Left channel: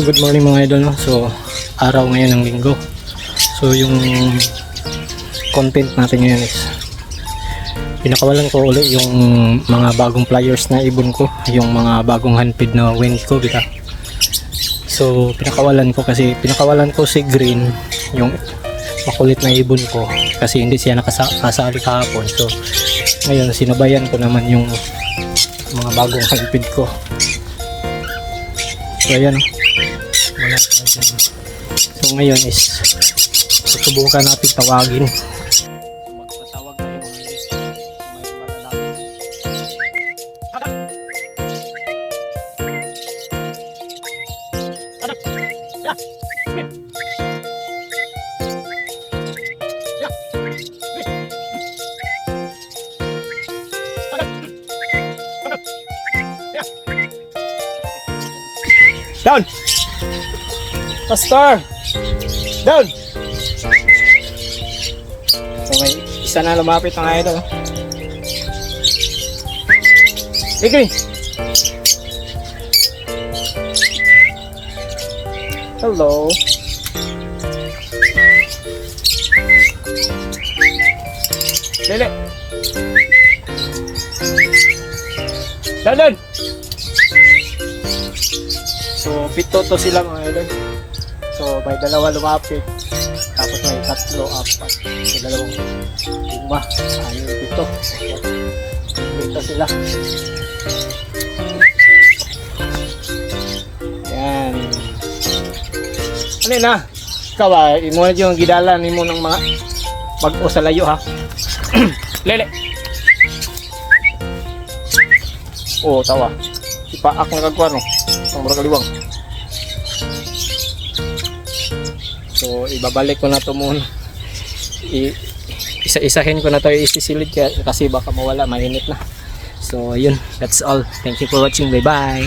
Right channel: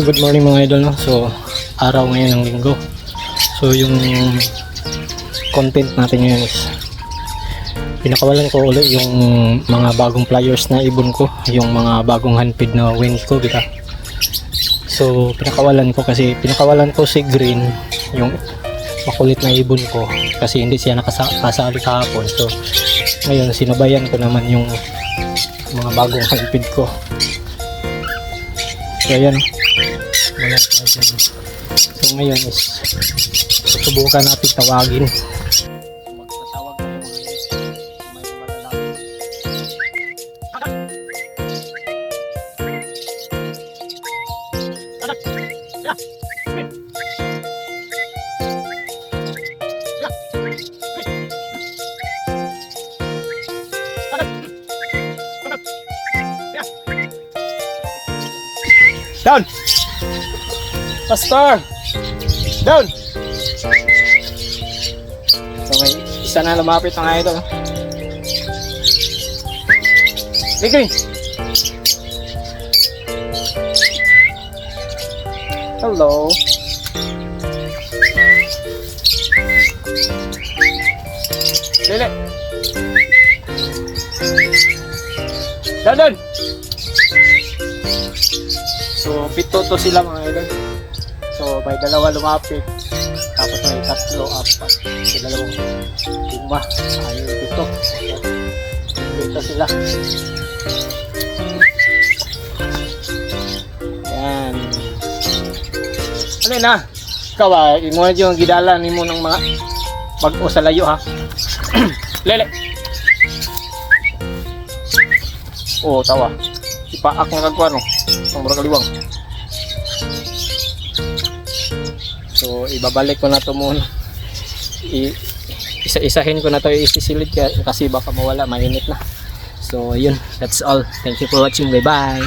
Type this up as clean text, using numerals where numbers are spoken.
So good morning mga idol, no? So araw ngayon ng linggo. So yung content natin ngayon is pinakawalan ko ulit yung mga bagong pliers na ibon ko, yung mga bagong handpid na wind ko kita. So pinakawalan ko kasi pinakawalan ko si Green, yung makulit na ibon ko kasi hindi siya nakasali kahapon. So ngayon sinabayan ko naman yung mga bagong handpid ko. So ayan, wala pa dyan. So ngayon is susubukan natin tawagin. Magpatawag ako may malalapit. Down! Pastor! Down! So may isa na lumapit ng idol. Bigay! Hello! Lili! Down! So, pito to sila mga idol. So, may dalawa lumapit. Tapos may tatlo, apat. So, dalawang lima. Ayun, pito. Pito sila. Yan. Ano yun ha? Ikaw imo yung gidalan mo ng mga mag-o sa layo ha. Lele. Oo, tawa. Ipaak na kagwa no. Ang murag kaliwang. So ibabalik ko na to muna. Isa-isahin ko na to, isisilid kasi baka mawala, mainit na. So yun, that's all. Thank you for watching. Bye bye.